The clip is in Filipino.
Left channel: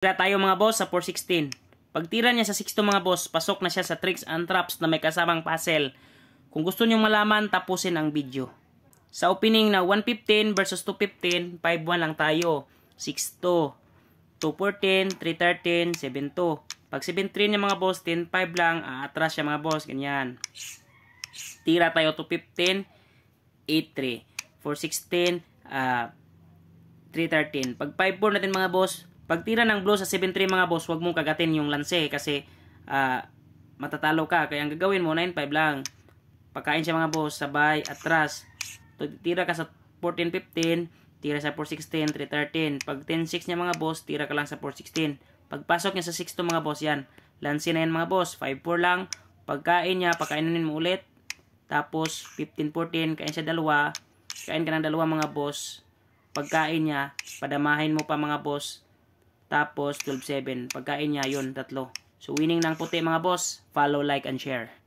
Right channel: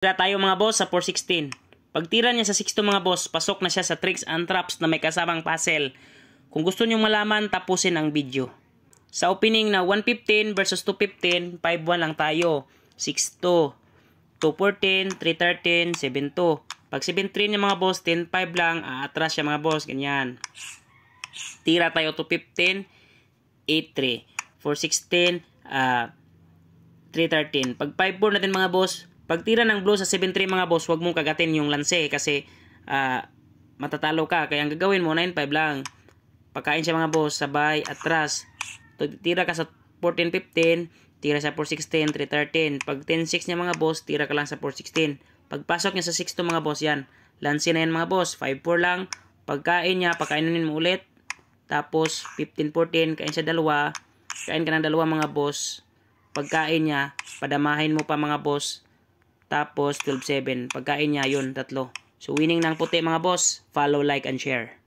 Tira tayo mga boss sa 416. Pag tira niya sa 6 mga boss, pasok na siya sa tricks and traps na may kasamang puzzle. Kung gusto niyo malaman, tapusin ang video. Sa opening na 115 versus 215, 5-1 lang tayo. 6-2, 214, 313, 7-2. Pag 7-3 niya mga boss, 10-5 lang, aatras siya mga boss, ganyan. Tira tayo 215, 8-3. 416, 313. Pag 5-4 natin mga boss, pag tira ng blow sa 7-3 mga boss, huwag mong kagatin yung lanse kasi matatalo ka. Kaya ang gagawin mo, 9-5 lang. Pagkain siya mga boss, sabay, atras. Tira ka sa 14-15, tira sa 416, 313. Pag 10-6 niya mga boss, tira ka lang sa 416. Pagpasok niya sa 6-2 mga boss, yan. Lanse na yan mga boss, 5-4 lang. Pagkain niya, pakainin mo ulit. Tapos 15-14, kain sa dalawa. Kain ka ng dalawa mga boss. Pagkain niya, padamahin mo pa mga boss. Tapos 12-7. Pagkain niya, yun, 3. So winning ng puti mga boss. Follow, like, and share.